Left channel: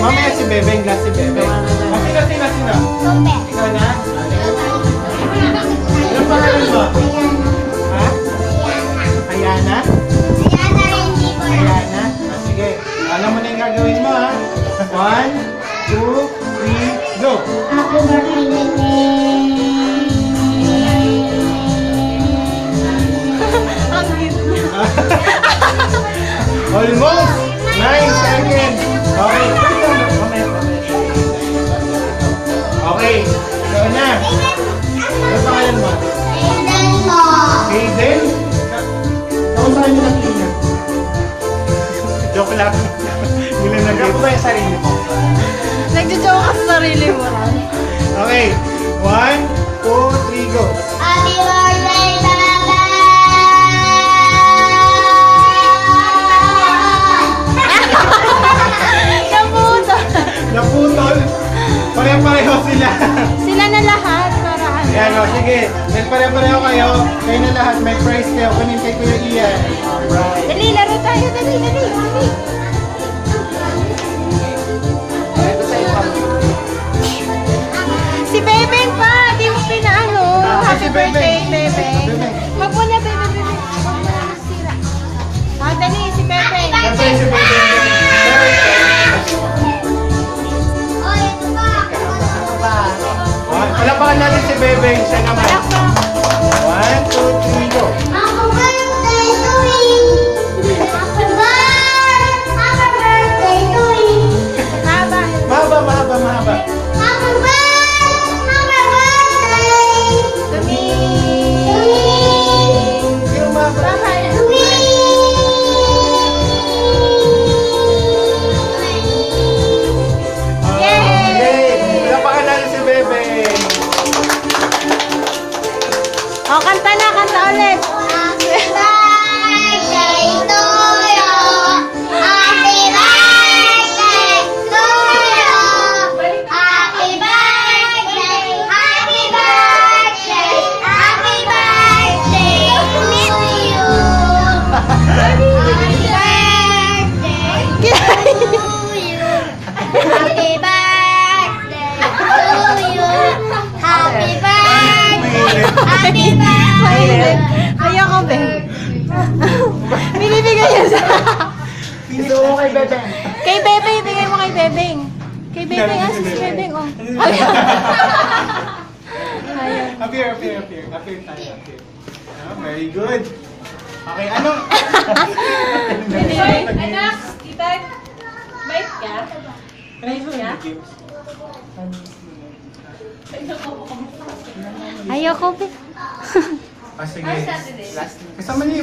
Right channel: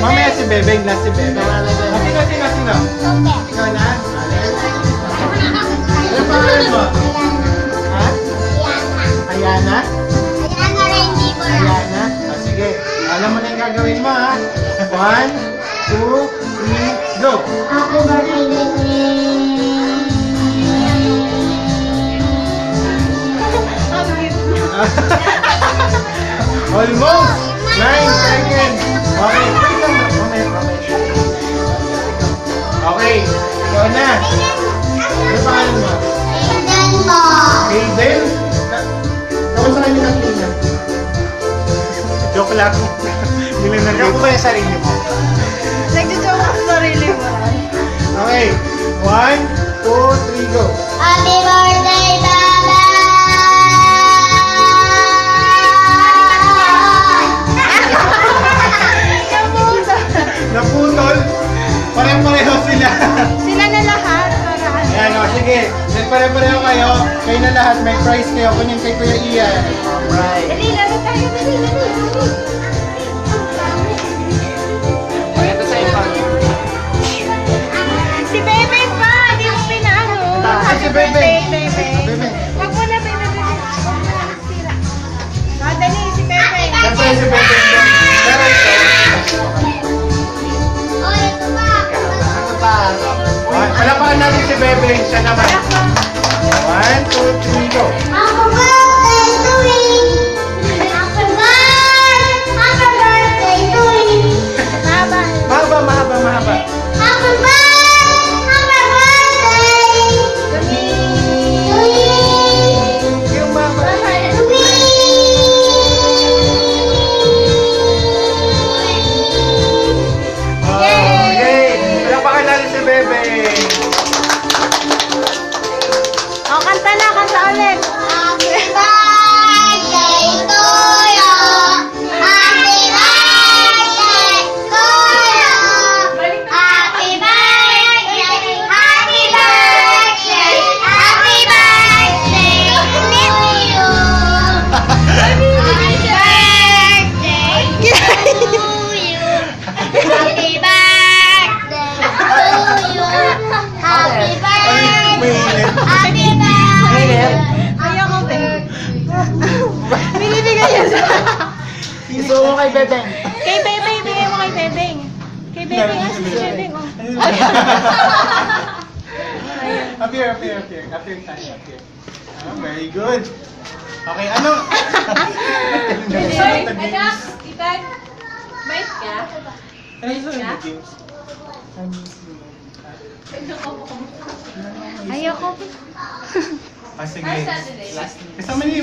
Mamaya si Bebeng, last si Bebeng. Sino? Ikaw na? Ano pangalan mo? Ha? Ayana? Ayana? Sige. Alam mo na yung gagawin mo, ha? 1, 2, 3, go! Ako ba Almost! 9 seconds! Okay, wait lang. Mamaya. Okay, ikaw na. Ano pangalan mo? Hayden? Kamusta kami nakikita? Joke lang. Yun lang nag-joke ba yung sarili mo? Nagjojoke ka sa sarili mo. Okay, 1, 2, 3, go! Happy birthday, Baba! Naputol! Pare-pareho sila! Sila na lahat. Para ano? Yan o, sige. Then pare-pareho kayo. Kayo na lahat, may prize kayo. Kunin kay Kuya Ian. Alright. Dali, laro tayo. Dali. Ito sa iPhone. Si Bebe pa. Di mo pinaano. Ay, si Bebe. Bebe. Wag mo na, Bebe. Dali, si Bebe. Siyempre si Bebe. Pero ito. Palapakan natin si Bebe. Siya naman. 1, 2, 3, go! Happy birthday to me! Happy birthday to me! Mahaba. Mahaba. Happy birthday to me! Yung mahaba. To me! Yay! Palapakan natin si Bebe. O, kanta ulit. Happy birthday to you! Happy birthday to you! Happy birthday! Happy birthday! Happy birthday to you! Happy birthday to you! Happy birthday to you! Happy birthday! Happy birthday! Ayoko, Bebe. Binibigay yan sa... Ito ko kay Bebe. Kay Bebe, ibigay mo kay Bebeng. Kay Bebeng, si Bebeng, oh. Appear tayo. Very good. Okay, anong... Anak, kitag, bait ka? Ayoko, Bebe. Ah, sige. Kasama niyo yung